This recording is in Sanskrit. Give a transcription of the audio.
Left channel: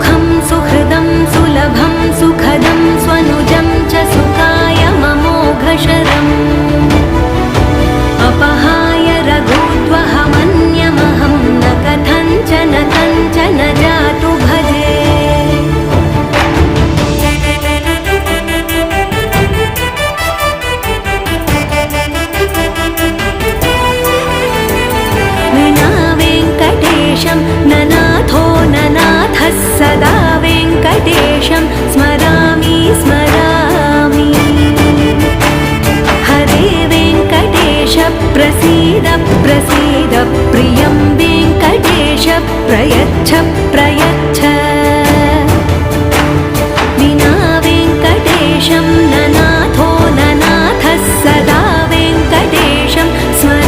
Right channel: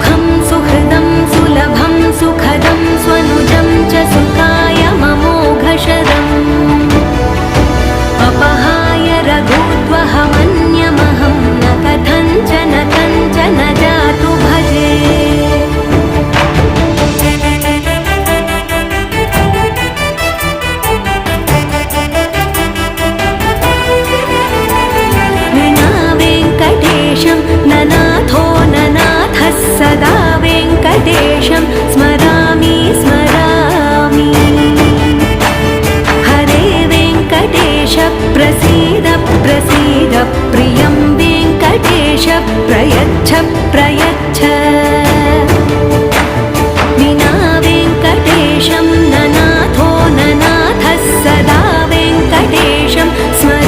सुखं सुहृदं सुलभं सुखदं स्वनुजं च सुखाय ममोघशरम् अपहाय रघुद्वहमन्यमहं न कथञ्चन कञ्चन जातु भजे विना वेङ्कटेशं ननाथो ननाथः सदा वेङ्कटेशं स्मरामि स्मरामि हरे वेङ्कटेश प्रसीद प्रसीद प्रियं वेङ्कटेश प्रयच्छ प्रयच्छ विना वेङ्कटेशं ननाथो ननाथः सदा वेङ्कटेशं स्मरामि